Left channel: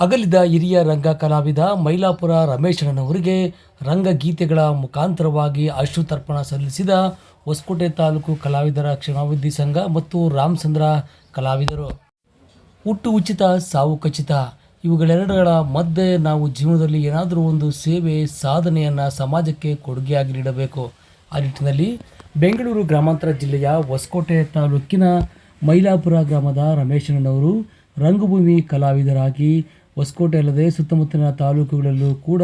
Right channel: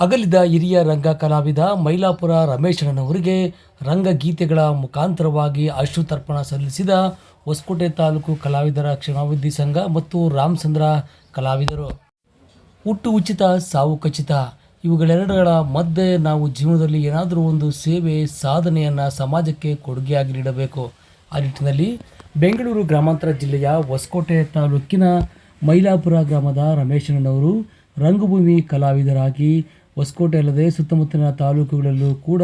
ಅಗಲಿದ ಹಿರಿಯ ರಂಗ ಕಲಾವಿದ ಮೈಲಾಪುರ ರಮೇಶಣ್ಣನವರಿಗೆ ರಂಗಗೀತೆಗಳ ಮುಖಾಂತರವಾಗಿ ಅಶ್ರುತರ್ಪಣ ಸಲ್ಲಿಸಿದ ಹೊಸಕೋಟೆ ತಾಲೂಕು ಕಲಾವಿದರ ಕ್ಷೇಮಾಭಿವೃದ್ಧಿ ಸಂಘ ಮತ್ತು ರಾಮಚಂದ್ರ ಕಲಾವಿದರು. ಹುಟ್ಟು ಉಚಿತ, ಸಾವು ಖಚಿತ, ಇವುಗಳೆರಡರ ಮಧ್ಯೆ ನಾವು ಜೀವನದಲ್ಲಿ ಏನಾದರೂ ಒಂದು ಸೇವೆ ಸಾಧನೆಯನ್ನು ಸಮಾಜಕ್ಕೆ ಕೊಡುಗೆಯಾಗಿ ನೀಡಬೇಕು. ಆ ನಿಟ್ಟಿನಲ್ಲಿ ಬೆಂಗಳೂರು ಗ್ರಾಮಾಂತರ ಜಿಲ್ಲೆಯ ಹೊಸಕೋಟೆ ತಾಲೂಕಿನ ಮೈಲಾಪುರ ಗ್ರಾಮದ ರಮೇಶಣ್ಣನವರು ರಂಗಭೂಮಿ ಕಲಾವಿದರಾಗಿ ಹೊಸಕೋಟೆ ಅಲ್ಲದೆ ಸುತ್ತಮುತ್ತಲಿನ ತಾಲೂಕುಗಳಲ್ಲೂ ಕೂಡ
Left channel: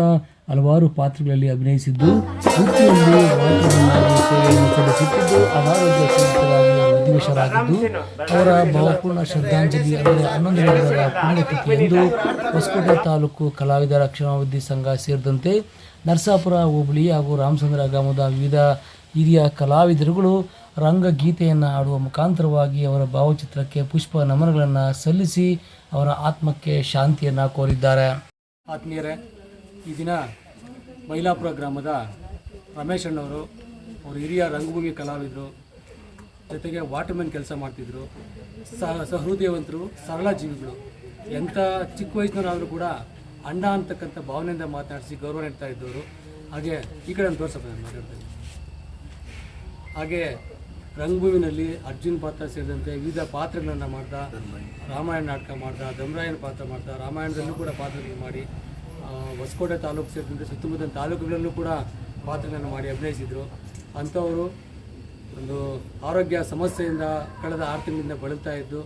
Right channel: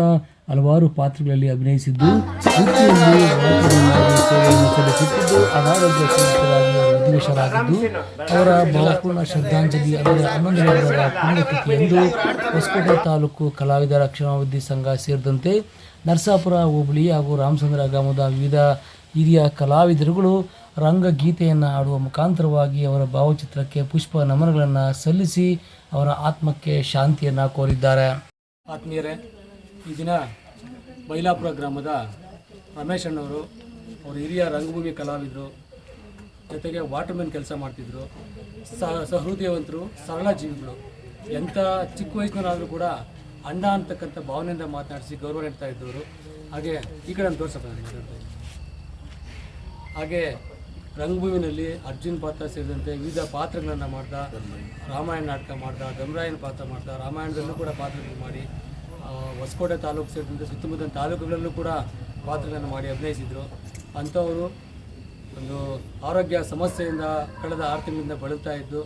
ಹಲವಾರು ಪಾತ್ರಗಳಲ್ಲಿ ಅಭಿನಯಿಸಿದ್ದು, ವೃತ್ತಿಯಲ್ಲಿ ವಾದ್ಯಮಂಡಳಿ ಸೇವೆಯನ್ನು ಸಲ್ಲಿಸುತ್ತಿದ್ದು, ಅನಾರೋಗ್ಯ ಪೀಡಿತರಾಗಿ ವಿಧಿವಶರಾಗಿದ್ದು, ಅವರ ಭಾವಪೂರ್ಣ ಶ್ರದ್ಧಾಂಜಲಿ ಅಂದರೆ 11ನೇ ಪುಣ್ಯತಿಥಿಯಂದು ಹೊಸಕೋಟೆ ತಾಲೂಕು ಕಲಾವಿದರ ಕ್ಷೇಮಾಭಿವೃದ್ಧಿ ಸಂಘ ಸೇರಿದಂತೆ ನರಸಾಪುರ ಹೋಬಳಿ ಹಾಗೂ ರಾಮಚಂದ್ರ ಗ್ರಾಮದ ವಿವಿಧ ಹಿರಿಯ ಕಲಾವಿದರುಗಳು ರಂಗಗೀತೆಯನ್ನು ಹಾಡುವ ಮುಖಾಂತರವಾಗಿ ಅವರ ಭಾವಚಿತ್ರಕ್ಕೆ ಪುಷ್ಪ ನಮನಗಳನ್ನು ಸಲ್ಲಿಸಿ ಅವರ ಆತ್ಮಕ್ಕೆ ಶಾಂತಿಯನ್ನು ಕೋರಿದ್ದಾರೆ. ಆತ್ಮೀಯರೇ, ಈ ದಿನ ಮೈಲಾಪುರ ಗ್ರಾಮದ ರಮೇಶ್ ಅಣ್ಣವರು ಅವರು ಹಿರಿಯ ರಂಗಭೂಮಿ ಕಲಾವಿದರು, ಜೊತೆಗೆ ವಾಟರ್ಮೆನ್ ಕೆಲಸ ಮಾಡ್ತಿದ್ರು, ಸಹೃದಯವಂತರು, ಸರಳ ಜೀವಿಗಳು. ಎಂಥ ಚಿಕ್ಕ ವಯಸ್ಸಿನವರಾದರೂ ಕೂಡ ಅಣ್ಣ ಅಂತಕ್ಕಂಥ ಭಾವನೆಯಿಂದ ಮಾತನಾಡಿಸಿ ಗೌರವ ನೀಡ್ತಾ ಇದ್ದವರು. ಹಾಗೆ ಈ ಕಡೆ ತೋರ್ಸಪ್ಪ ನಾನು ಮಾತಾಡ್ತಾ ಇದ್ದೀನಿ. ಹಾಗೆ ರಂಗಭೂಮಿನಲ್ಲಿ ಅರ್ಜುನ್ ಪಾತ್ರ ಸೇರಿದಂತೆ ವಿವಿಧ ಪಾತ್ರಗಳನ್ನು ಮಾಡ್ದ, ರಾಮಾಯಣ ನಾಟಕ ಮಾಡ್ದ, ಧಮರಾಯನ ಪಾತ್ರ ಮಾಡ್ದ, ರಾಮಾಯಣದಲ್ಲೂ ಕೂಡ ಪಾತ್ರಗಳನ್ನು ಮಾಡಿ ಹೊಸಕೋಟೆ ತಾಲೂಕು ಸೇರಿದಂತೆ ಸುತ್ತಮುತ್ತಲಿನ ತಾಲೂಕುಗಳಲ್ಲೂ ಕೂಡ ಪಾತ್ರಗಳನ್ನು ಮಾಡಿ ಅಭಿನಯಿಸಿದರು. ಅಂಥವರು ಒಂದು ಆರೋಗ್ಯ ಸಮಸ್ಯೆಯಿಂದ ಕಳೆದ 6 ತಿಂಗಳಿಂದ ಬಳಲ್ತಾ ಇದ್ದು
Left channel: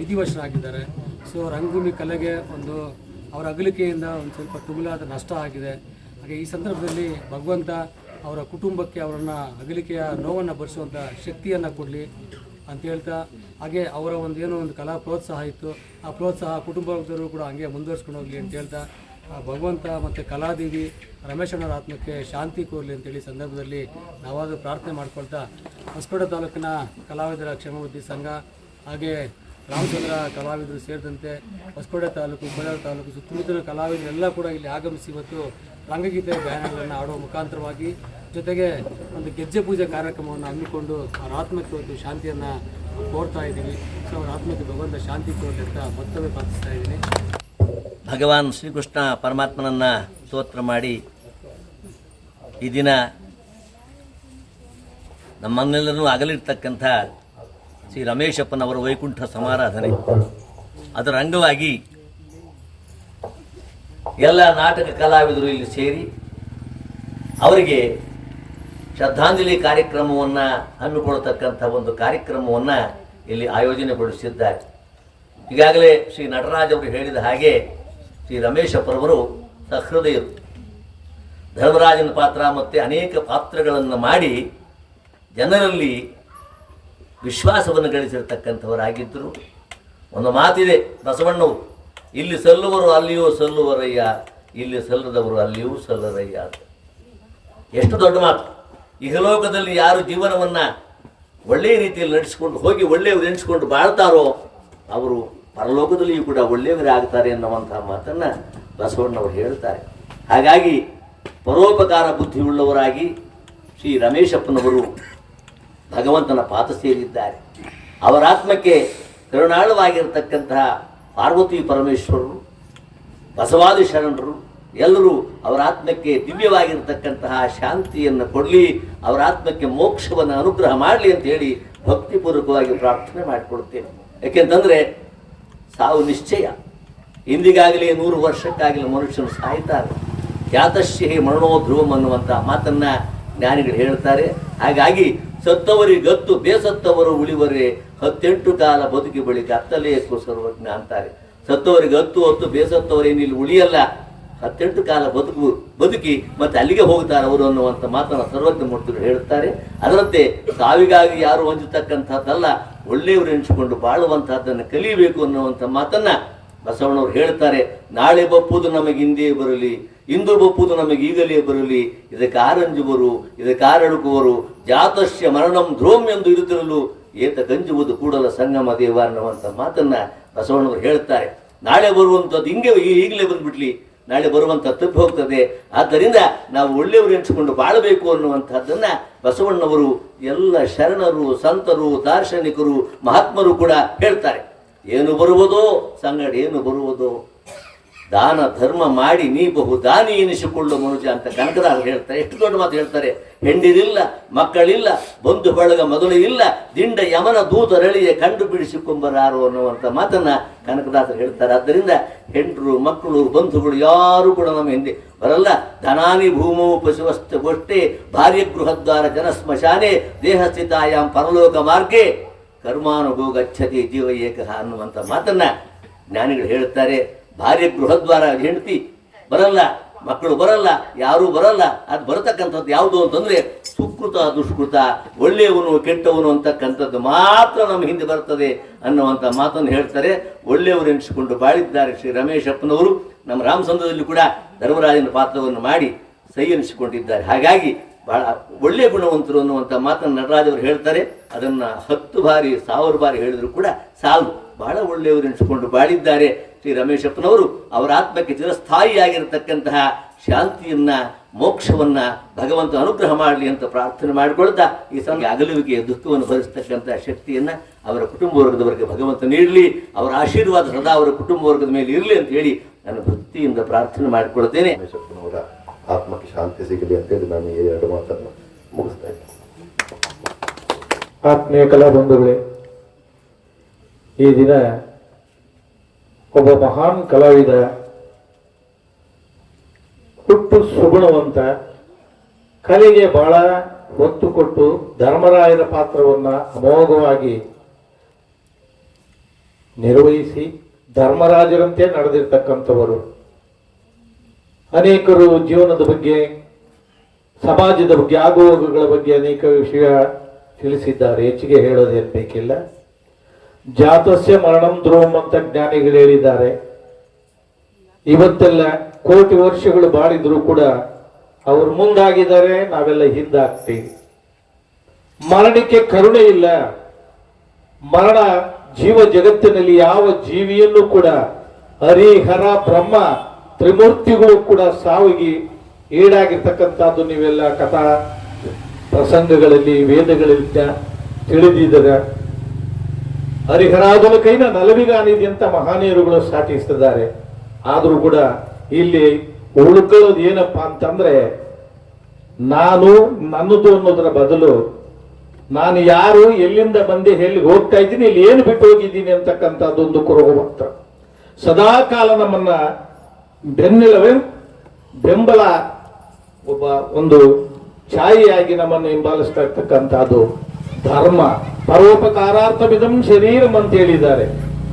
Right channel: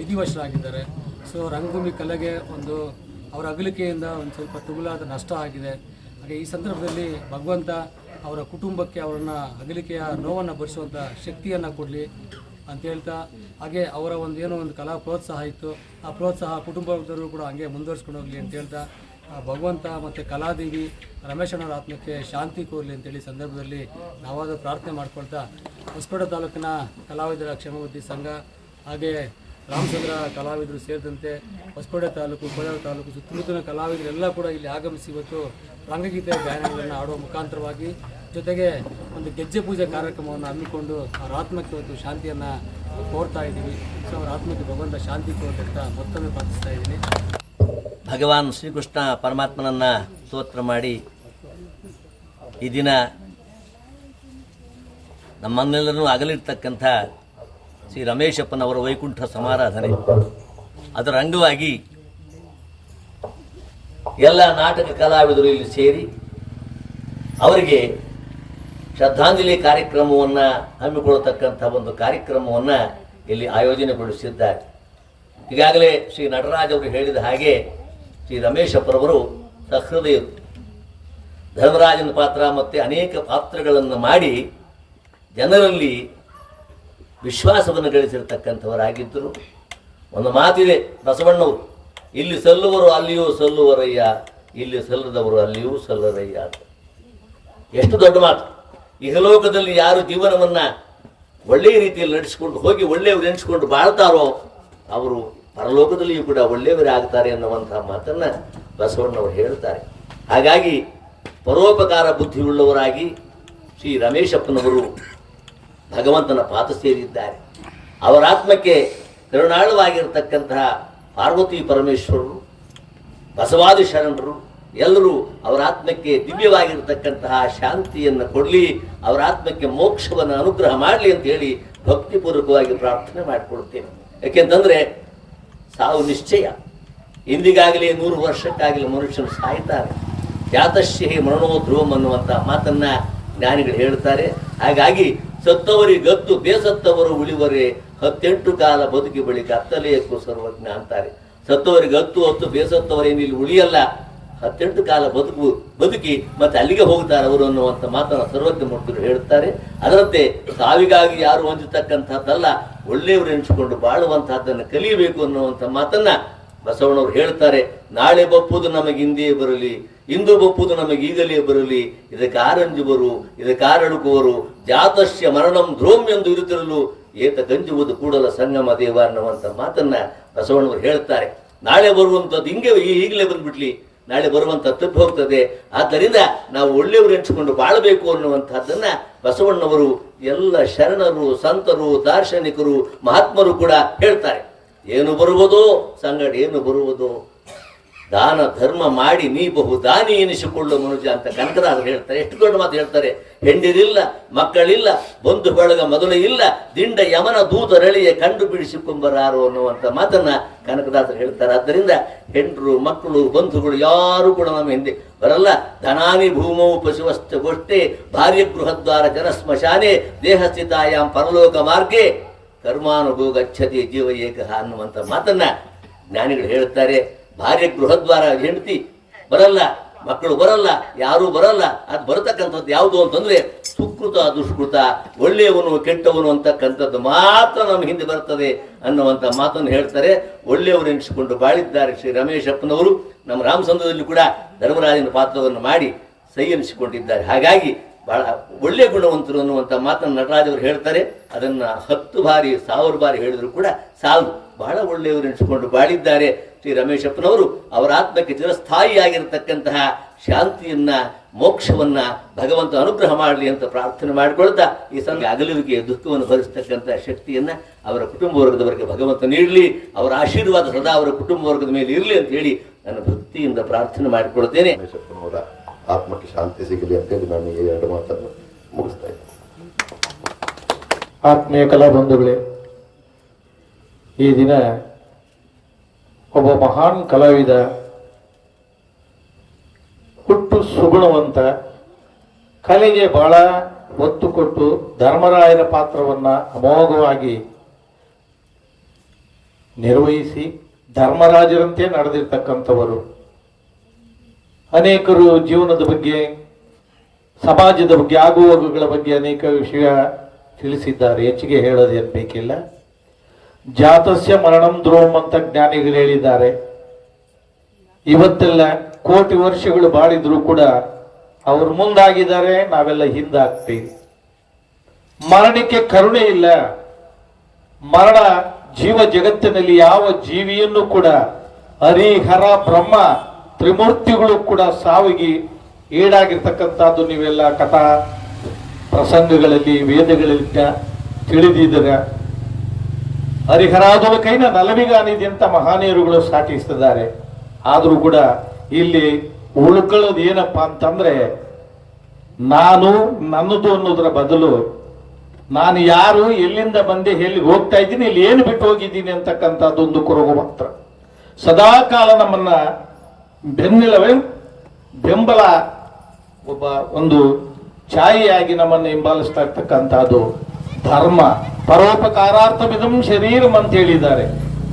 ವಿಧಿವಶರಾಗಿದ್ದಾರೆ. ಸೊ ರಂಗಭೂಮಿ ಕಲೆಗೆ ಒಂದು ಅವರ ಅಗಲಿಕೆಯಿಂದ ಒಂದು ಸ್ವಲ್ಪ ತುಗುಲಾದ ನಷ್ಟ ಆಗಿದೆ. ಹಾಗೆ ಈ ಸಂದರ್ಭದಲ್ಲಿ ಭಗವಂತ ಅವರ ಕುಟುಂಬಕ್ಕೆ ಅವರನ್ನು ಅಗಲಿಕೆಯ ನೋವನ್ನು ಭರಿಸುವಂಥ ಶಕ್ತಿಯನ್ನು ಕೊಡಲಿ ಅಂತ ಹೇಳ್ತಾ, ಹಾಗೆ ಅವರ ಒಂದು ಕಲಾ ಪ್ರೋತ್ಸಾಹ ಇತ್ತು, ಆ ಪ್ರೋತ್ಸಾಹ ಕುಟುಂಬದವರು ಕೂಡ ಹಂಗೆ ಮುಂದುವರ್ಸ್ಕೊಂಡು ಹೋಗಲಿ ಅಂತ ಹೇಳ್ತಾ, ಭಗವಂತ ಮತ್ತು ಕಲಾದೇವಿ ರಮೇಶಣ್ಣವರ ಆತ್ಮಕ್ಕೆ ಶಾಂತಿ ಕೋರಲಿ ಅಂತೇಳಿ ಸಂದರ್ಭದಲ್ಲಿ ನಾವಾದರೂ ಪ್ರಾರ್ಥನೆ ಮಾಡ್ಕೊಳ್ತಾ, ಹೊಸಕೋಟೆ ತಾಲೂಕಿನ ಕಲಾವಿದರ ಕ್ಷೇಮಾಭಿವೃದ್ಧಿ ಸಂಘ ಹಾಗೆ ರಾಮಚಂದ್ರ ಕಲಾವಿದರು ಸೇರಿದಂತೆ ಹೊಸಕೋಟೆ ತಾಲೂಕು, ಕೋಲಾರ ತಾಲೂಕು ಸುತ್ತಮುತ್ತಲಿನ ಕಲಾವಿದರೆಲ್ಲ ಕೂಡ ಇಲ್ಲಿ ಆಗಮಿಸಿ ಇವತ್ತು ರಂಗಗೀತೆ ಗಾಯನಗಳನ್ನು ಆಡುವ ಮುಖಾಂತರವಾಗಿ ಜೊತೆಗೆ ಒಂದು ಗೆಜ್ಜೆ ಪೂಜೆ ಕಾರ್ಯಕ್ರಮವನ್ನು ಹಮ್ಮಿಕೊಂಡು ಅವರ ಆತ್ಮಕ್ಕೆ ಒಂದು ಶಾಂತಿಯನ್ನು ಕೋರ್ತಾ ಇದ್ದೀವಿ. ಸೊ ಅವರ ಆತ್ಮಕ್ಕೆ ಭಗವಂತ ಶಾಂತಿ ಕೋರಲಿ ಅಂತ ಮತ್ತೊಮ್ಮೆ ಪ್ರಾರ್ಥಿಸ್ತಾ ಇದ್ದೀನಿ. ಭಗವಾನ್ ಶ್ರೀಕೃಷ್ಣ ಪರಮಾತ್ಮನನ್ನು ಸ್ತೋತ್ರ ಮಾಡಿ ಈ ದಿನ ನಮ್ಮನ್ನೆಲ್ಲರೂ ಅಗಲಿರ್ತಕ್ಕಂಥ ಶ್ರೀ ರಮೇಶಪ್ಪನವರ ವೈಕುಂಠ ಸಮಾರಾಧನೆ ಅದರ ಅಂಗವಾಗಿ ಎಲ್ಲ ನಾಟಕ ಕಲಾವಿದರು ಇಲ್ಲಿ ಸೇರಿ ಅವರಿಗೆ ಶ್ರದ್ಧಾಂಜಲಿ ಕಾರ್ಯಕ್ರಮವನ್ನು ಹಮ್ಮಿಕೊಳ್ಳತಕ್ಕಂಥ ಒಂದು ಕಾರ್ಯಕ್ರಮವನ್ನು ಇಲ್ಲಿ ಆಯೋಜನೆಗೊಳಿಸಿದ್ದಾರೆ. ಈಗಾಗಲೇ ಶ್ರೀ ನಟರಾಜ್ ಅವರು ಹೇಳಿದ ಹಾಗೆ ಶ್ರೀ ರಮೇಶಪ್ಪರವರು ಸಹೃದಯರು, ಧರ್ಮರಾಜನ ಪಾತ್ರ ಮತ್ತು ಅನೇಕ ಪಾತ್ರಗಳನ್ನು ಮಾಡಿ ಜನರಲ್ಲಿ ವಿಶ್ವಾಸವನ್ನು ಗಳಿಸಿರ್ತಕ್ಕಂಥವರಾಗಿದ್ದರು. ಒಂದು ಮಾತಿದೆ ಬಸವಣ್ಣವರು, ಇಲ್ಲಿ ಸಲ್ಲುವರು ಅಲ್ಲಿಯೂ ಸಲ್ಲುವರಯ್ಯ, ಇಲ್ಲಿ ಸಲ್ಲದವರು ಅಲ್ಲಿಯೂ ಸಲ್ಲರಯ್ಯ ಅಂತ. ಎಷ್ಟು ದೊಡ್ಡ ಮಾತು! ಇಹಲೋಕದಲ್ಲಿ ಯಾರು ಜೀವನವನ್ನು ಒಳ್ಳೆಯ ರೀತಿಯಲ್ಲಿ ನಡೆಸಿಕೊಂಡು ಹೋಗಿ ಒಳ್ಳೆಯವರು ಎನಿಸಿಕೊಂಡು ಬಾಳ್ತಾರೋ ಅವರು ಪರಲೋಕದಲ್ಲಿಯೂ ಕೂಡ ಒಳ್ಳೆಯವರಾಗ್ತಾರೆ ಅನ್ನುವಂತಹ ಮಾತನ್ನು ಬಸವಣ್ಣವರು ಹೇಳ್ತಾರೆ. ಹಾಗಾಗಿ ಪರೋಪಕಾರ ಬುದ್ಧಿಯುಳ್ಳವರಾಗಿ ಶ್ರೀ ರಮೇಶಪ್ಪನವರು ಭಗವಂತನ ಪಾದ ಸೇರಿದ್ದಾರೆ. ಅವರ ಆತ್ಮಕ್ಕೆ ಕರುಣಾಳವಾಗಿರತಕ್ಕಂತಹ ಪಾರ್ವತಿ ಪರಮೇಶ್ವರರು, ಬಸವಾದಿ ಶರಣರು ಎಲ್ಲರೂ ಅವರ ಆತ್ಮಕ್ಕೆ ದಿವ್ಯವಾಗಿರತಕ್ಕಂತಹ ಶಾಂತಿಯನ್ನು ಕೊಡಲಿ, ಅವರ ಆತ್ಮಕ್ಕೆ ಮೋಕ್ಷವನ್ನು ಅನುಗ್ರಹ ಮಾಡಲಿ ಅಂತ ಹೇಳಿ ಭಕ್ತಿಪೂರ್ವಕವಾಗಿ ಪ್ರಾರ್ಥನೆ ಮಾಡಿಕೊಡ್ತೇನೆ. ಯಾಕೆಂತಂದರೆ ಸಾವು ನಿಶ್ಚಯ. ಇಂದಿಗಾಗಲಿ 100 ವರ್ಷಕ್ಕಾಗಲಿ ಮನುಷ್ಯನು ಸಾಯ್ತಾರೆ. ಖ್ಯಾತಶ್ಯಹಿ ಮರಣೋ ಧ್ರುವಂ ಅನ್ನುವಂಥ ಮಾತನ್ನು ಜ್ಞಾನಿಗಳು ಹೇಳ್ತಾರೆ. ಹಾಗಾಗಿ ಸತ್ತವರಿಗತ್ತು ಬೇಸತ್ತವರು ಉಳಿವರೇ 18 ಕಾಲ ಬದುಕಿ ಬಳಿಕ ಅತ್ತಲೆಯಕ್ಕೂ ಸರ್ವಜ್ಞ ಅಂತಾರೆ. ಸತ್ತವರಿಗೆ ಹತ್ತು ಬೇಸತ್ತವರೇನಿಲ್ಲಿ ಉಳಿಯಲ್ಲ, 18 ಕಾಲ ಬದುಕಿ ಮತ್ತೆ ಅಲ್ಲಿಗೆ ಹೋಗ್ತಾರೆ ಅವರು ಅನ್ನುವಂಥ ಮಾತನ್ನು ಸರ್ವಜ್ಞ ಮೂರ್ತಿಗಳು ಹೇಳ್ತಾರೆ. ಅದರಂತೆ ಸಾವಿಗಾಗಿ ಯಾರು ಹೊಂದತಕ್ಕಂಥದ್ದಲ್ಲ, ಒಳ್ಳೆಯವರು ಎನಿಸಿಕೊಂಡು ಬಾಳುವಂತಹದ್ದನ್ನು ಕಲಿಯಬೇಕು ಅನ್ನುವಂಥ ಮಾತನ್ನ ಬಸವಣ್ಣವರು ಹೇಳ್ತಾರೆ. ನಾಳೆ ಬಪ್ಪುದು ನಮಗೆ ಹಿಂದೆ ಬರಲಿ, ಇಂದು ಬಪ್ಪುದು ನಮಗೆ ಈಗಲೇ ಬರಲಿ, ಇದಕ್ಕೆ ಆರಂಜುವರು ಇದಕ್ಕೆ ಆರಡುಕುವರು, ಜಾತಸ್ಯ ಮರಣಂ ಧ್ರುವಂ ಎಂದು ಇರುತ್ತಿರಲು ಏತ ಗಂಜುವುದು ಕೂಡಲ ಸಂಗಮ ದೇವ ಅನ್ನುವಂಥ ಮಾತನ್ನ ಬಸವಣ್ಣವರು ಹೇಳ್ತಾರೆ. ನಾಳೆ ಬರುವಂಥದ್ದು ಹಿಂಗೆ ಈಗಲೇ ಬಂದ್ಬಿಡ್ಲಿ, ನಾಳೆ ಬರುವಂಥ ತಪ್ಪಿ ಹೋಗ್ತದೆ. ಆದ್ದರಿಂದ ನಾವು ಒಳ್ಳೆಯವರು ಎನಿಸಿಕೊಂಡು ಬಾಳಬೇಕು ಅನ್ನುವಂಥದ್ದನ್ನ ಬಸವಣ್ಣವರು ಎಲ್ಲ ಶರಣರು, ಸಂತರು, ದಾರ್ಶನಿಕರು, ಮಹಾತ್ಮರು ಕೂಡ ಹೇಳ್ತಾರೆ. ಏನು ಬರುವುದೋ ಸಂಗಡ ಏನು ಬರುವುದೋ ದಾನ ಧರ್ಮ ಮಾಡಿ ನೀ ಬಹು ದಾನಿ ಎನಿಸಿಕೊಳ್ಳು ಮನುಜ ಅಂತ ಕನಕದಾಸರು ಹೇಳ್ತಾರೆ. ಎಷ್ಟು ದೊಡ್ಡ ಮಾತು ಹೇಳ್ತಾರೆ. ಹೆಂಡಿರಿಲ್ಲ, ಮಕ್ಕಳಿಲ್ಲ, ಬಂಧು ಬಳಗ ಮೊದಲು ಇಲ್ಲ, ದಿಂಡ ಯಮನ ದೂತರಳಿಯ ಕಂಡು ಬಿಡಿಸಿಕೊಂಬರಾರು ಅನ್ನುವಂಥ ಮಾತನ್ನ ಕನಕದಾಸರು ಹೇಳ್ತಾರೆ. ಆದ್ದರಿಂದ ಹೆಂಡರು, ಮಕ್ಕಳು, ಬಂಧುಗಳು ಯಾರು ಕೂಡ ನಮ್ಮ ಹಿಂದೆ ಬರಲ್ಲ. ಧನಾನಿ ಭೂಮವು ಪಶುವಸ್ತ ಗೋಷ್ಠೆ ಭಾರ್ಯ ಗೃಹದ್ವಾರ ಜನ ಸ್ಮಶಾನೆ ದೇಹಸ್ಥಿತಾಯಾಮ್ ಪರಲೋಕ ಮಾರ್ಗೆ ಕರ್ಮಾನುಭವ ಗಚ್ಚತಿ ಜೀವ ಏಕಃ ಅನ್ನುವಂಥ ಮಾತನ್ನ ಜ್ಞಾನಿಗಳು ಹೇಳ್ತಾರೆ. ಭಾರ್ಯ ಗೃಹದ್ವಾರ ಹೆಂಡತಿ ಬರಲ್ಲ, ಮಕ್ಕಳು ಬರಲ್ಲ, ಯಾರೂ ಬರಲ್ಲ. ಅದು ಬರತಕ್ಕಂಥದ್ದು ಯಾವುದು ಅಂತಂದ್ರೆ ಸುಕೃತ ದುಷ್ಕೃತ, ಒಳ್ಳೆಯವನು ಕೆಟ್ಟವನು ಅಂತಕ್ಕಂಥದ್ದು ಮಾತ್ರ ನಮ್ಮ ಹಿಂದೆ ಬರ್ತದೆ ಅನ್ನುವಂಥ ಮಾತನ್ನು ಹೇಳ್ತಾರೆ. ಒಳ್ಳೆಯವರು ಎನಿಸಿಕೊಂಡು ಬಾಳಿದ್ದಾರೆ ಶ್ರೀ ರಮೇಶಪ್ಪನವರು. ನಮ್ಮ ರಾಮಸಂದ್ರದಲ್ಲಿ ಕೂಡ ಧರ್ಮರಾಜನ ಪಾತ್ರವನ್ನು ಮಾಡಿ ಸೈ ಎನಿಸಿಕೊಂಡಿದ್ದಾರೆ. ಹಾಗಾಗಿ ಬಹಳ ಒಳ್ಳೆಯ ಗುಣವಂತರು ಅನ್ನುವಂಥ ಮಾತನ್ನು ನಟರಾಜವರು ಹೇಳ್ತಾರೆ. ಅದನ್ನ 10 ಬಾರಿ 1000 ಬಾರಿ ಹೇಳಿದ್ರು ಕೂಡ ಸಾಲು. ಬಹಳ ಒಳ್ಳೆಯವರು ಎನಿಸಿಕೊಂಡು ಬಾಳಿದ್ದಾರೆ ಶ್ರೀ ರಮೇಶಪ್ಪನವರು. ಅವರ ಆತ್ಮಕ್ಕೆ ಚಿರಸ್ಥಾಯಿಯಾಗಿರತಕ್ಕಂತಹ ಶಾಂತಿಯನ್ನ, ಮೋಕ್ಷವನ್ನ ಭಗವಂತ ಅನುಗ್ರಹ ಮಾಡಲಿ ಅಂತ ಪ್ರಾರ್ಥನೆ ಮಾಡಿಕೊಳ್ತಾ ಈ ಸಮಯ ಅಗಲುವಿಕೆ ದುಃಖವನ್ನು ಭರಿಸತಕ್ಕಂತಹ ಶಕ್ತಿಯನ್ನ ಅವರ ಕುಟುಂಬ ವರ್ಗದವರಿಗೆ ಭಗವಂತ ನೀಡಲಿ. ಅವರ ಆಶೀರ್ವಾದ ಸದಾ ಅವರ ಕುಟುಂಬ ವರ್ಗದ ಮೇಲೆ ಇರಲಿ ಅಂತ ಹೇಳಿ ನಾನು ಭಕ್ತಿಯಿಂದ ಪ್ರಾರ್ಥನೆ ಮಾಡಿಕೊಳ್ತೇನೆ. ರಮೇಶಪ್ಪನವರ ಆತ್ಮಕ್ಕೆ ಶಾಂತಿ ಸಿಗಲಿ ಅಂತೇಳಿ ನಾನು ಈ 2 ಮಾತನ್ನು ಮುಗಿಸ್ತಾ ಇದ್ದೇನೆ. ಆತ್ಮೀಯ ಕಲಾಬಂಧುಗಳೇ, ಈ ದಿನ ಒಬ್ಬ ಮಹಾನ್ ಕಲಾವಿದ, ಹುಟ್ಟು ಸುಗುಣವಂತ, ಕಲೆಗೆ ಬಹಳ ಒತ್ತು ಕೊಟ್ಟು ಧರ್ಮರಾಯರ ಪಾತ್ರವನ್ನ ಅಮೋಘವಾಗಿ ನಿರ್ವಹಿಸಿ ಧರ್ಮರಾಜರಂತೆ ನಡೆದಿರ್ತಕ್ಕಂಥವರು. ಅನೇಕರು ಜೀವನದ ಬಗ್ಗೆ, ಸಮಾಜದ ಬಗ್ಗೆ, ಆಗುಹೋಗುಗಳ ಬಗ್ಗೆ ಅನೇಕ ವಿಷಯ ತಿಳಿಸಿದ್ದಾರೆ. ಹೆಚ್ಚಿಗೆ ಹೇಳೋದೇನು ಬೇಕಿಲ್ಲ. ಜಾತಸ್ಯ ಮರಣಂ ಧ್ರುವಂ ಅಂತ ಜ್ಞಾನಿಗಳು ಹೇಳಿದ್ದಾರೆ. ಇವತ್ತೆಲ್ಲ ಕೋಟಿ ವರ್ಷಗಳು ಬಾಳಿದ್ರು ಕೂಡ ಅವರು ಮುಂದಾಗಿದ್ದಾರೆ, ನಾವೆಲ್ಲ ಹಿಂದಾಗ್ತೀವಿ. ಮರಣಕ್ಕೆ ಕರುಣೆ ಇಲ್ಲ. ಮರಣ ಜೀವ ಜಗತ್ತಿನಲ್ಲಿ ಯಾವ ಜೀವಿಯನ್ನು ಕೂಡ ಹರಿಹರ ಬ್ರಹ್ಮ ತ್ರಿಮೂರ್ತಿಗಳು ಕೂಡ ಸಾವಿಗೆ ಈಡಾಗಿರ್ತಕ್ಕಂಥದ್ದು ನೀವೆಲ್ಲ ಕಥಾ ಪ್ರಸಂಗಗಳಲ್ಲಿ ವೇದಗಳಲ್ಲಿ ತಿಳಿದಿದ್ದೀರ. ಹರಿಹರಾದುಲ ಕೈನ ನಲವಿಗಾನಿದೆ ಅಂತ ಮಹಾನೀಯರುಗಳು ಸಾಟಿಸಿದ್ದಾರೆ. ಆದರೂ ಕೂಡ ಇಲ್ಲಿ ಉಳ್ಕೊಳ್ಳೋದು ಏನಪ್ಪಾ ಅಂತಂದ್ರೆ, ನಾನು ನನ್ನದು ಅನ್ನೋದ್ರ ಬದಲು ನಾನು ಯಾರು, ಎಲ್ಲಿಂದ ಬಂದೆ, ಎಲ್ಲಿಗೆ ಹೋಗ್ತಾ ಇದ್ದೀನಿ, ಇಲ್ಲಿ ಏನು ಬಿಟ್ಟು ಹೋಗಿದ್ದೀನಿ ಅಂತಕ್ಕಂಥದ್ದೊಂದು ಕೊರಗು ಮಾತ್ರ. ಸದಾ ಕಾಲ ನಮ್ಮನ್ನ ಬೆಂಬಲ ಒಬ್ಬ ಒಂದು ಛಾಯೆಯಾಗಿ ನಮ್ಮನ್ನು ಹಿಂಬಾಲಿಸ್ತಾ ಇರ್ತಕ್ಕಂಥದ್ದು ಧರ್ಮ. ಪರೋಪಕಾರಾರ್ಥಮಿದಂ ಶರೀರಂ ಅಂತ ಹೇಳಿದ್ದಾರೆ.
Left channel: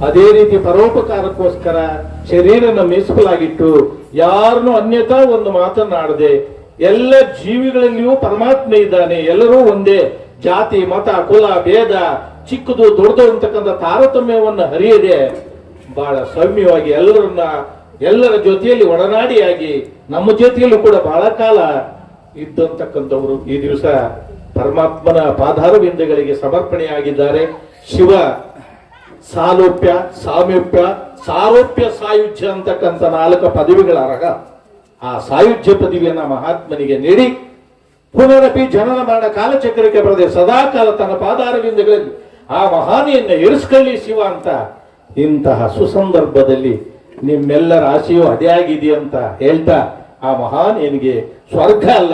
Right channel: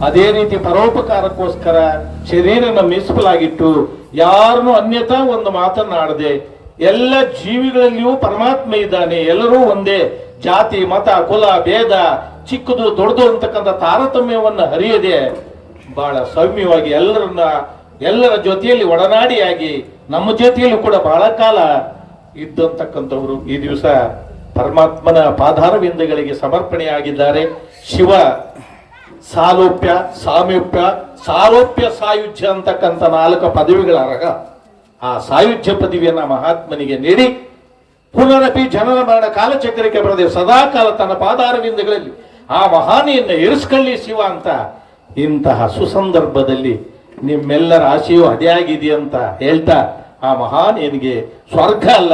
ಅದೇ ರೀತಿ ಪರೋಪಕಾರಕ್ಕೋಸ್ಕರ ಶರೀರನ ಮೀಸಲಾಗಿಟ್ಟು ಯಾರನ್ನು ಅನ್ಯತಾ ಒಂದು ಮಾತನಾಡದೆ ಎಲ್ಲ ಜೀವಿಗಳಲ್ಲಿಯೂ ಪರಮಾತ್ಮ ಇದ್ದಾನೆ, ಎಲ್ಲರೂ ಒಂದೇ, ಜಾತಿ ಮತ ಕುಲ ಭೇದ ಚಿಕ್ಕದು ದೊಡ್ಡದು ಅಂತಕ್ಕಂಥ ತಾರತಮ್ಯವನ್ನು ಹರಿಯದೆ ಬಹಳ ಸೌಮ್ಯವಾಗಿ ಎಲ್ಲರ ಜೊತೆಯಲ್ಲಿ ಒಡನಾಡಿಯಾಗಿ ನಮ್ಮ ಜೊತೆಯಲ್ಲೂ ಕೂಡ ಬಹಳ ಕಾಲ ಇದ್ದಂತಕ್ಕಂಥವರು ಈ ದಿವಸ ಪರಮಾತ್ಮನ ಪಾದಾರವಿಂದಗಳಿಗೆ ಸಮರ್ಪಣೆಯಾಗಿದ್ದಾರೆ. ಶಿವ ಸಾಲೋಪ್ಯ, ಸಾಮೀಪ್ಯ, ಸಾರೋಪ್ಯ, ಸಾಯುಜ್ಯ ಅಂತಕ್ಕಂಥ 4 ಪದವಿಗಳ ಅರಗ. ಆ ಸಾಯುಜ್ಯ ಪದವಿಯನ್ನ ಮಹಾತ್ಮನಿಗೆ ನೀಡಿ ಪುನರಪಿ ಜನನ ಮರಣ ಕಾಲಚಕ್ರಕ್ಕೆ ಬರದೆ ಸದಾಕಾಲ ತನ್ನ ಪಾದಾರವಿಂದಗಳಲ್ಲಿ ಆ ಮಹಾನಿಯನ್ನ ಇರಿಸ್ಕೊಳ್ಳಿ ಶಿವ ಅಂತ ಇಂತಹ ಸುಸಂದರ್ಭದಲ್ಲಿ ನಿಮ್ಮೆಲ್ಲರ ಆಶೆಯೂ ಅದೇ ಆಗಿದೆಯಂತ ಹೇಳ್ತಾ ಆ ಮಹಾನಿಯನಿಗೆ ಸ್ವರ್ಗ ಅಲ್ಲ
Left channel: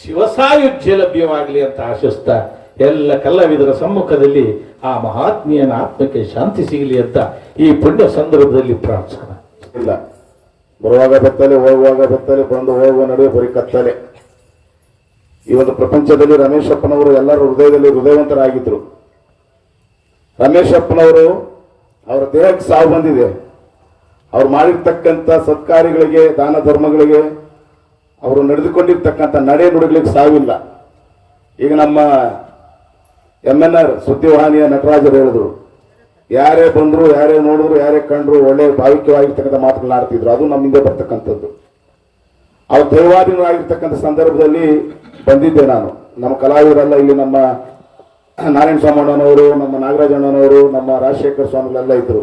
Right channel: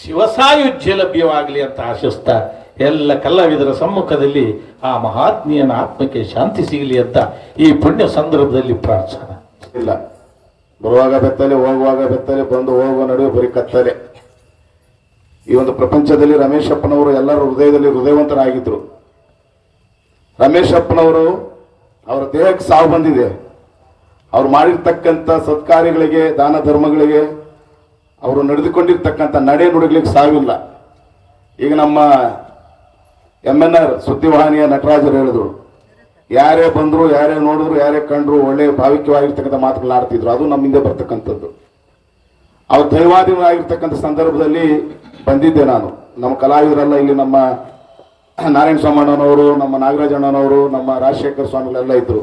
ಶಿವಸಾಯುಜ್ಯ ಲಭ್ಯವಾಗಲಿ ಅಂತ ಆಶಿಸ್ತಾ ಎಲ್ಲ ಕಲಾವಿದರ ಸಮ್ಮುಖದಲ್ಲಿ ಆ ಮಹಾತ್ಮೀಯನ ಆತ್ಮಕ್ಕೆ ಶಾಂತಿ ಸಿಗಲಿ ಅಂತ ಈ ಪುಣ್ಯ ಸಂದರ್ಭದಲ್ಲಿ ಪ್ರಾರ್ಥನೆ. ಇಲ್ಲ, ಬರುವಾಗ ಬೆತ್ತಲೆ, ಹೋಗುವಾಗ ಬೆತ್ತಲೆ, ಬಂದು ಹೋಗುವ ನಡುವೆ ಬರೀ ಕತ್ತಲೆ. ಈ ಒಂದು ಪ್ರಪಂಚದಲ್ಲಿ ರಮೇಶಪ್ಪನವರು ಎಲ್ಲರ ಹೃದಯದಲ್ಲಿ ಹೃದಯವಂತರಾಗಿದ್ರು. ರಮೇಶಪ್ಪನವರು ಅವರ ದೇಹಕ್ಕೆ ಸಾವು ಬಂದಿದೆ. ಅವ್ರು ಮಾಡಿರ್ತಕ್ಕಂಥ ಸತ್ಕಾರ್ಯಗಳಿಗೆ, ದಾನ ಧರ್ಮಗಳಿಗೆ, ಅವರು ನಡೆದುಕೊಂಡಿರ್ತಕ್ಕಂಥ ನಡೆ ನುಡಿಗಳಿಗೆ ಸಾವಿಲ್ಲ. ಈಗ ನಮ್ಮ MNR ಸುದ್ದಿವಾಹಿನಿಯ ನಟರಾಜರು ಹೇಳಿದ್ರು, ಯಾರೇ ಬಂದ್ರು, ಯಾರೇ ನೋಡಿದ್ರು, ಯಾರೇ ಕಂಡ್ರು ಒಳ್ಳೆ ಭಾವಿಕವಾಗಿರ್ತಕ್ಕಂಥ ಮಾತುಗಳನ್ನಾಡ್ತಿದ್ರು. ಅದು ನಮ್ಮಿಂದ ಬರ್ತಕ್ಕಂಥದ್ದು. ಅವ್ರು ದೈವಾಧೀನರಾಗಿರ್ತಕ್ಕಂಥ ಸಂದರ್ಭದಲ್ಲಿ ಬಂದಿದ್ದೆ ನಾನು. ನಮ್ಮ ಕಲಾವಿದರೆಲ್ಲ ಇಲ್ಲಿ ನಮ್ಮ ನಾರಾಯಣ ಸ್ವಾಮಣ್ಣನವರು, ನಮ್ಮ ನಾಗರಾಜಣ್ಣನವರು, ನಮ್ಮ ರಾಜಶೇಖರ ಸ್ವಾಮಿಗಳೆಲ್ಲ ಇದ್ರು.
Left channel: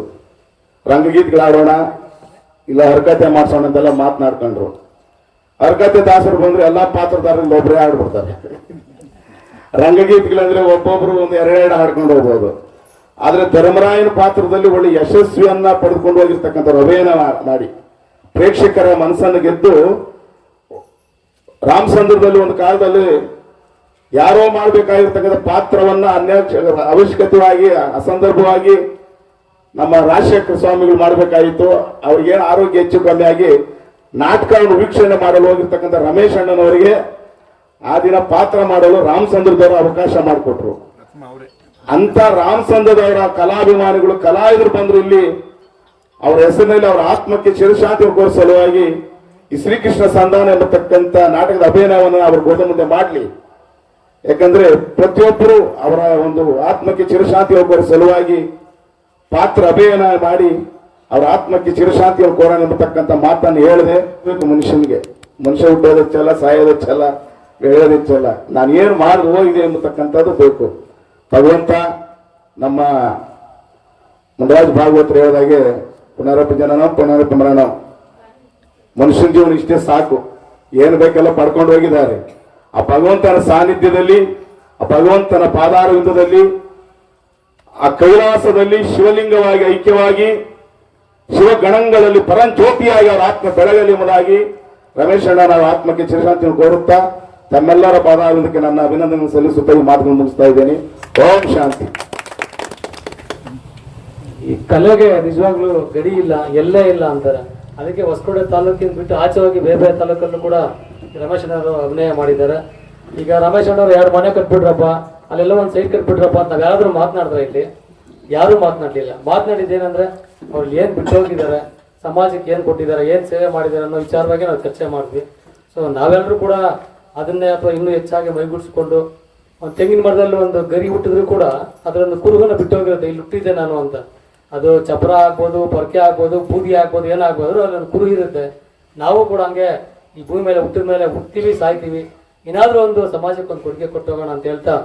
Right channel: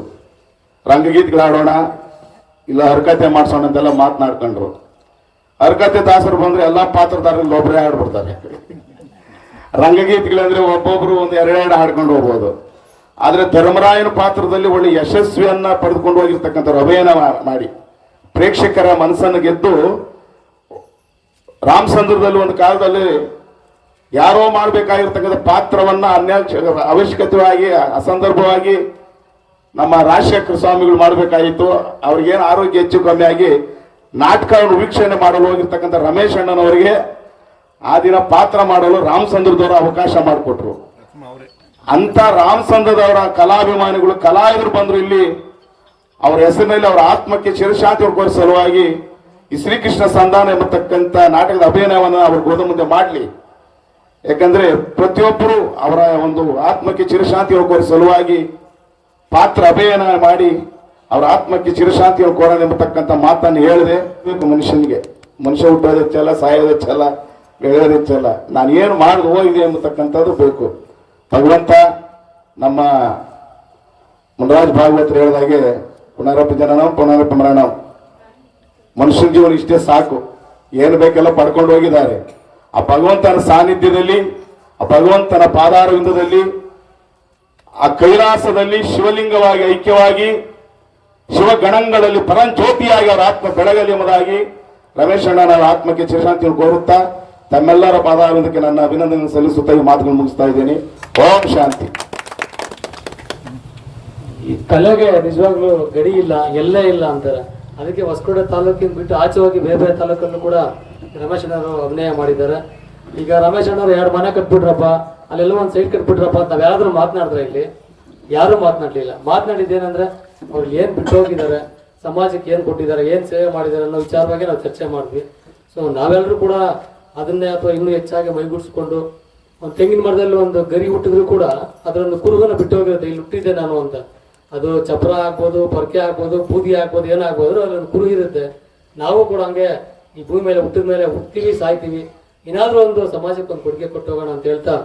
ರಂಗಗೀತೆಗಳಾಡೋಣ, ಇಲ್ಲ ಹರಕತೆ ಮಾಡ್ಸೋಣ ಅಂತೆಲ್ಲ ಮಾತನಾಡ್ಕೊಂಡ್ರು. ಹರಕತೆ ದಾಸರು ಬಂದ್ರೆ ಎಲ್ಲಾ ಪಾತ್ರಧಾರರಲ್ಲಿ ಒಬ್ಬರೇ ಹಾಡ್ಬಿಡ್ತಾರೆ. ರಂಗಗೀತೆಗಳಂದ್ರೆ ಒಬ್ಬೊಬ್ರು 1-2 ಹಾಡ್ಕೊಂಡು ಹೋಗ್ಬೋದು. ಆದರೆ ಧರ್ಮರಾಯನ ಪಾತ್ರದಲ್ಲಿ ಒಳ್ಳೆ ಯಶಸ್ವಿಯನ್ನ ಪಡೆದುಕೊಂಡು ಹೋಗಿರ್ತಕ್ಕಂಥವ್ರು ಅಭಿನಯ ಮಾಡಿ ಪ್ರೇಕ್ಷಕರ ಮನಸ್ಸನ್ನು ಗೆದ್ದು ರಾಮಚಂದ್ರದಲ್ಲಿ ಒಂದು ಕಾಲದಲ್ಲಿ ಯಾರೋ ಮಾಡಬೇಕಾಗಿರ್ತಕ್ಕಂಥ ಪಾತ್ರವನ್ನ ಅವಶ್ಯಕತೆಯಾಗಿ ಅಸಂದರ್ಭವಾಗಿ ನಮ್ಮ ರಾಜಶೇಖರ ಸ್ವಾಮಿಗಳು ಮಾಡಬೇಕಾಗಿತ್ತು. ಅವ್ರಿಗೇನು ಆರೋಗ್ಯ ಹೆಚ್ಚು ಕಮ್ಮಿ ಆಗಿ ನಾಟಕವನ್ನು ವೀಕ್ಷಣೆ ಮಾಡಲು ಹೋಗಿರ್ತಕ್ಕಂಥ ರಮೇಶ್ ಅಣ್ಣನವರಿಗೆ ಆ ದಿನ ಪಾತ್ರ ಮಾಡಲು ರಾಮಚಂದ್ರದವರು ಅವಕಾಶ ಮಾಡಿಕೊಟ್ರು. ಅಂತ ರಾಮಚಂದ್ರದವರ ಕಲಾಭಿಮಾನಿಗಳು ಕಲಾವಿದರು ಬಂದ್ರು ಇಲ್ಲಿ ಅವರ ಹೆಸರಿನಲ್ಲಿ ಅವರ ಆತ್ಮಕ್ಕೆ ಚಿರಶಾಂತಿ ಕೋರಿಸುವ ಸಲುವಾಗಿ ಈ ಶ್ರೀಕೃಷ್ಣ ಸಂಧಾನ ಎಂಬತಕ್ಕಂಥ ನಾಟಕದ ಅಭಿನಯವನ್ನು ಅವರು ಗೋದ ಮುಂದೆ ಮಾಡಲಿ. ಯಾಕಂದ್ರೆ ಪ್ರತಿಯೊಬ್ಬರು ಅವರ ಒಂದು ಆತ್ಮಕ್ಕೆ ಚಿರಶಾಂತಿ ಕೋರಿಸುವ ಸಲುವಾಗಿ ಪಾತ್ರ ಅಭಿನಯ ಮಾಡಿ ಅವರ ಆತ್ಮಕ್ಕೆ ಚಿರಶಾಂತಿಯನ್ನು ಕೊಡೋಣ ಎಂಬತಕ್ಕಂಥ ಮಾತನ್ನು ಹೇಳಿದೆ. ಮನುಷ್ಯ ಹುಟ್ಟೋದೆಚ್ಚಲ್ಲ, ಸಾಯೋದೆಚ್ಚಲ್ಲ, ಬೆಳೆಯೋದೆಚ್ಚಲ್ಲ, ನಾನು ಏನು ಮಾಡಿ ಹೋಗಿದೆ ಎಂಬತಕ್ಕಂಥದ್ದು ಬೇಕು. ಭಗವಂತ ನಮ್ಮ ಮುನರಾಜ್ ಭಾಗವತರು ಹೇಳಿದಾಗೆ ಪುನರಪಿ ಜನನಂ ಪುನರಪಿ ಮರಣಂ, ಮನುಷ್ಯನ ಜೀವನ ಇಷ್ಟೇ ಸಾಕು, ಏನು ಬೇಕೆಲ್ಲ ಪಡ್ಕೊಂಡು ಹೋಗಿದ್ದಾರೆ. ಆ ಭಗವಂತನ ಸಾನ್ನಿಧ್ಯದಲ್ಲಿ, ಆ ಭಗವಂತನ ಪಾದಾರವಿಂದದಲ್ಲಿ, ಆ ಕೈಲಾಸದಲ್ಲಿ ಶಿವಲಿಂಗವಾಗಿ ಐಕ್ಯವಾಗಿ ಶಿವಗಣಗಳಲ್ಲಿ ಪರಂಜ್ಯೋತಿಯಾಗಿ ಅವರ ಆತ್ಮ ಬೆಳಗಲಿ ಎಂಬುದಾಗಿ ರಮೇಶ್ ಅಣ್ಣನ ಆತ್ಮಕ್ಕೆ ಚಿರಶಾಂತಿಯನ್ನು ಕೋರುತ್ತಾ ತಮ್ಮೆಲ್ಲರ ಪಾದಾರವಿಂದಕ್ಕೆ ನನ್ನ ಅಭಿನಂದನೆ ಸಲ್ಲಿಸುತ್ತಾ ಈ ಮಾತುಗಳನ್ನು ಮುಗಿಸ್ತಾ ಇದ್ದೇನೆ. ಓಂ ಶಾಂತಿ. ಈ ಕಲೆಗೆ ನಿಜವಾಗ್ಲೂ ಗಡಿ ಇಲ್ಲ, ಎಲ್ಲೇ ಇಲ್ಲ ಅಂತಾರೆ. ಅದಕ್ಕೆ ಹೊಸಕೋಟೆ ತಾಲೂಕಿನ ಬಿಟ್ಟು ಆಚೆ ಹೋಗಿ ಬೇರೆ ಬೇರೆ ತಾಲೂಕಲ್ಲೂ ಕೂಡ ರಮೇಶ್ ಅಣ್ಣವರು ಅಭಿನಯ ಮಾಡಿದ್ದಾರೆ. ಈಗ ರಮೇಶ್ ಅಣ್ಣವರು 2 ಮನೆ ಕಟ್ಬಿಟ್ರಪ್ಪ, ಅಲ್ಲೆಲ್ಲ ಒಂದು ಸೈಡ್ ಕಟ್ಬಿಟ್ರಪ್ಪ ಅಂತ ನಾವ್ ಯಾರಾದ್ರೂ ಮಾತನಾಡಿದ್ರೆ ಇಲ್ಲಿ ಯಾರು ಮಾತನಾಡ್ಲಿಲ್ಲ. ಮಾತನಾಡಿದ್ದೇನೆಂದ್ರೆ ಅವ್ರು ಏನ್ ಬಿಟ್ಟು ಹೋಗಿದ್ದಾರೆ, ಸಮಾಜಕ್ಕೆ ಏನ್ ಕೊಟ್ಟಿದ್ದಾರೆ, ಏನ್ ಸೇವೆ ಮಾಡಿದ್ದಾರೆ ಅನ್ನೋ ವಿಚಾರವಾಗಿ ನಾವು ಚರ್ಚೆ ಮಾಡಿದ್ವಿ. ಸೊ ನಾವೆಲ್ಲರೂ ಕೂಡ ಅದನ್ನೇ ಅಥವಾ ಇನ್ನೂ ಹೆಚ್ಚಾಗಿ ಮೈಗೂಡಿಸ್ಕೊಂಡು ಒಂದು ತೆಂಗಿನ ಮರದಲ್ಲಿ ಒಂದು ಗರಿ ಹುಟ್ಟಿದ್ರು ಕೂಡ ಅದರೊಂದು ಕುರುಗನ ಬಿಟ್ಟು ಹೋಗಿರುತ್ತೆ, ಇಲ್ಲಿ ಹುಟ್ಟಿದ್ದೆ ನಾನು ಅಂತ. ಅದು ಚಪ್ರ ಆಗ್ಬೋದು, ಪರ್ಕೆ ಆಗ್ಬೋದು, ಬೂದಿ ಆಗ್ಬೋದು, ಏನಾಗ್ಬೋದು, ಅಲ್ಲೊಂದು ಕುರು ಇರುತ್ತೆ. ನಾವು ಕೂಡ ಹಂಗೆ ಈ ಭೂಮಿ ಮೇಲೆ ಹುಟ್ಟಿದ ಮೇಲೆ ಹುಟ್ತೀವಿ, ಸಾಯ್ತೀವಿ, ಏನಾದ್ರೂ ಒಂದು ಸಮಾಜಕ್ಕೆ ಒಂದು ಕೊಡುಗೆ ಕೊಟ್ಟು ಹೋಗೋಣ ಅಂತ ಹೇಳ್ತಾ